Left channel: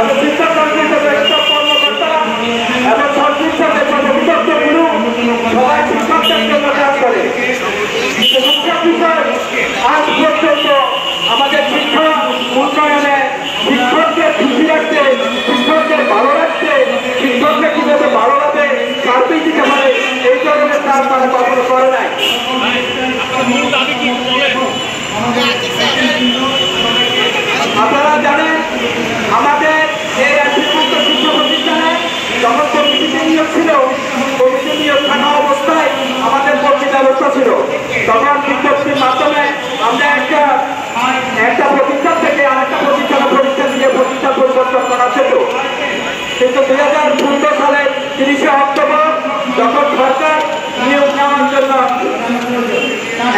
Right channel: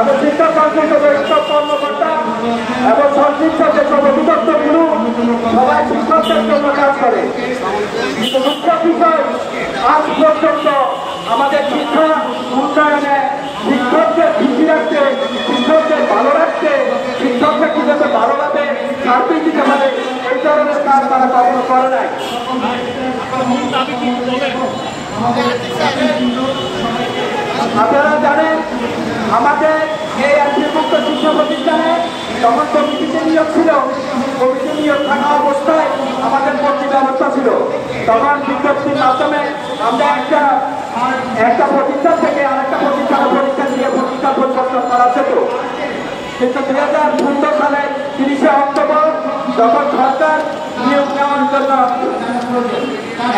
এবং শিক্ষা সংশ্লিষ্ট কর্মকর্তা এবং সংশ্লিষ্ট সর্ববিদগ্ধ বিন্দু সবাই শিক্ষকদের জন্য কাজ করে। মুখ্য বিষয় আজ পর্যন্ত আমাদের শিক্ষা উন্নয়নে শিক্ষকদের খুশি রাখতে, শিক্ষকদের ভালো রাখতে, শিক্ষকরা কিভাবে ভালোভাবে সার্ভিস দিতে পারে এই ধরনের কাজ তারা কখনো করে নাই। আপনারা জানেন আমাদের এই রাজ্যমুক্ত শিক্ষা প্রতিষ্ঠানে যখন কমিটিতে নিয়োগ ছিল, কমিটি নিয়োগ থাকা অবস্থায় আমাদের ভর্তি ব্যবস্থা ছিল। তখন বিজ্ঞপ্তির মাধ্যমে আমরা একটা প্রতিষ্ঠান থেকে আরেকটা প্রতিষ্ঠানে পরীক্ষা দিয়ে প্রতিষ্ঠান পরিবর্তন করা যেত। কিন্তু 2015 সালের 30শে অক্টোবর যখন সরকার নিয়োগ নেওয়ার জন্য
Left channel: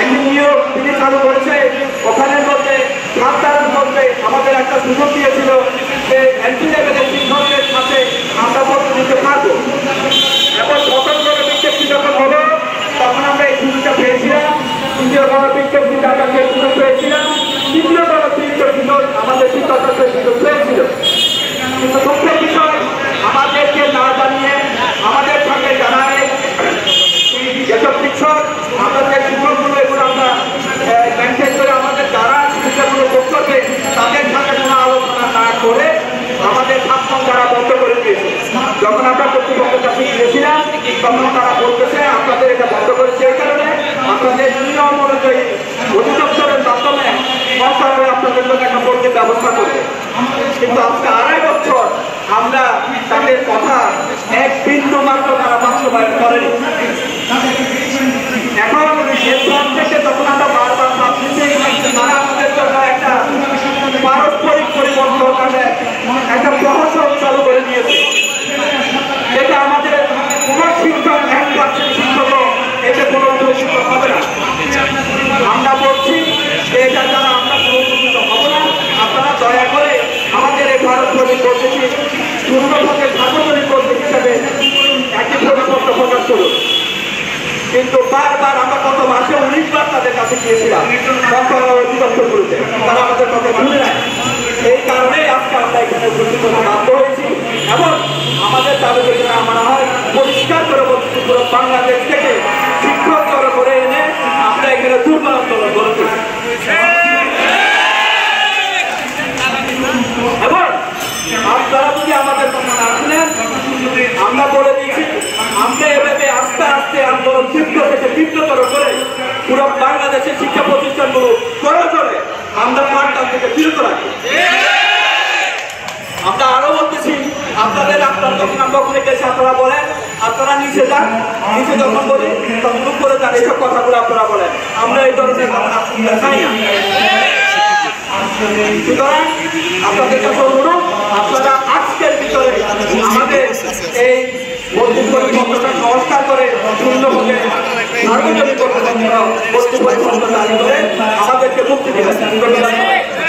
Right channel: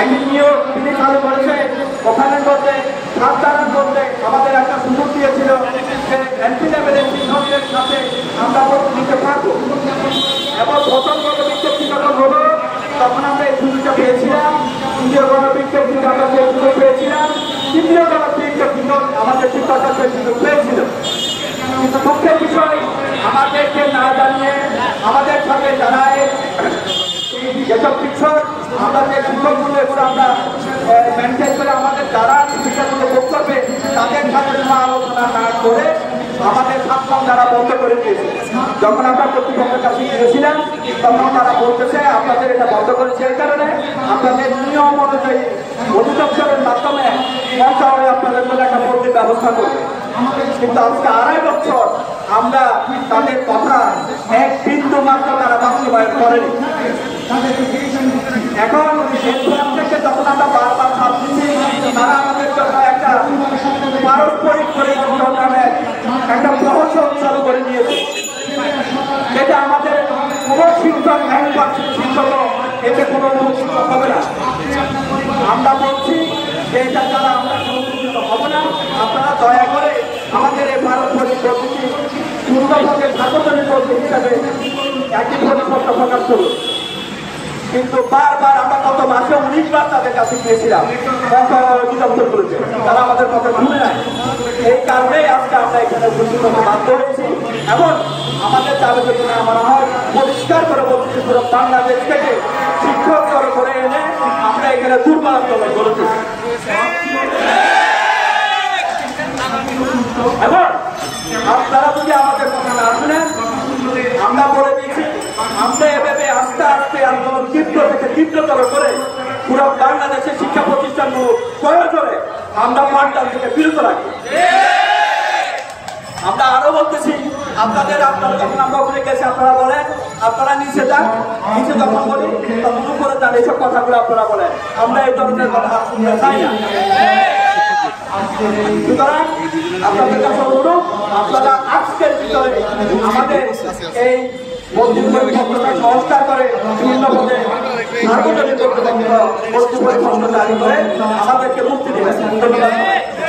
একটি নিয়োগ তিনি চালু করেছে, ওখানের মধ্যে সাবধান করতে আমাদের একটা সুযোগ দিয়েছিল যে এন্ট্রি লেভেলের শিক্ষকদের সাথে আমরা ভর্তি দিতে পারবো। এবং প্রথম বিজ্ঞপ্তি যখন হলো তখন আমরা এই সুযোগটা পেয়েছিলাম, দ্বিতীয় বিজ্ঞপ্তিতে আমরা সেই সুযোগ পেয়েছিলাম, তৃতীয় বিজ্ঞপ্তি আমাদের শিক্ষকরা সেই সুযোগ পেয়েছিল। কিন্তু মুখ্য বিষয় আমাদেরকে না জানিয়ে আমাদের সঙ্গে জানায় যেসব শিক্ষক আমাদের শিক্ষকগুলো এগুলো আমরা মেনটেন করে আমাদের যারা শিক্ষকগুলো করতেছে তাদের সাথে কোনো আলোচনা না করে আমাদের ছাত্র যারা বন্ধ করে দিয়েছে। যখন আমরা কর্তৃপক্ষের কাছে গিয়েছিলাম তখন তারা বলতেছে আপনাদের এটা বন্ধ করেছে এই কারণে আপনাদের নিয়ম অনুযায়ী অধিদপ্তরের মাধ্যমে সরকার আপনাদের জন্য একটা ভর্তির ব্যবস্থা করবে। কিন্তু আজকে 2.5 বছর আমরা তাদের কথা এক বিন্দু মাত্র তারা বাস্তবায়ন করেনি। এখন এরপর থেকে যখন আমরা বারবার ভাবছি তারা আমাদের জন্য একটা পারস্পরিক পরিবর্তনের একটা প্রহসন চালু করে দিয়েছে, যেটা আমাদের কোনো শিক্ষক শিক্ষক এতে কোনো হবে না। আমরা বলছি যে এটা দ্বারা আমরা সুরক্ষিত হব না। আপনারা দয়া করে আমাদের এই পারস্পরিক পদ্ধতি পূর্ণভাবে সার্বজনীন পদ্ধতি হিসাবে একটি পরিপত্র প্রকাশ করুন। কিন্তু বারবার আমরা গত মাসে 19 বার তাদের কাছে গিয়েছিলাম, অধিদপ্তরগুলোতে তারা আমাদের কথা শুনে নেয়। এই কারণেই আজকে আমরা এখানে উপস্থিত হতে বাধ্য হয়েছি এবং আমাদের দাবি যদি না মানা হয় পরিষ্কার করে বলছি পুরো বাংলাদেশ থেকে শিক্ষক জড়ো করে এনে আমরা এখানে দুর্বল আন্দোলন করেছি। এবং আপনারা যদি আমাদের কথা না শুনেন আমরা বলে দিচ্ছি আমরা এভাবে আস্তে আস্তে আন্দোলন তীব্রতর করে পুরো বাংলাদেশের শিক্ষা প্রতিষ্ঠানগুলো করে আমরা পাঠদান থেকে বিরত রাখবো। আমরা আরো বলতেছি আপনাদের যখন আমরা ওখানে গেছি আপনারা বলেন আপনারা নিচে যান, নিচে যখন বলি তখন উপরে যান, এইসব কথাগুলো আপনারা বলেন। আমরা এই ধরনের কথা চাই না। সুতরাং আপনাদের কাছে অনুরোধ আপনারা আজকের ভিতরে আমাদের এই ভর্তি পরিপত্রটা সংস্কার করে পূর্ণভাবে সার্বজনীন ভর্তি পরিপত্র জারি করে আমাদেরকে মুক্তি দিবেন।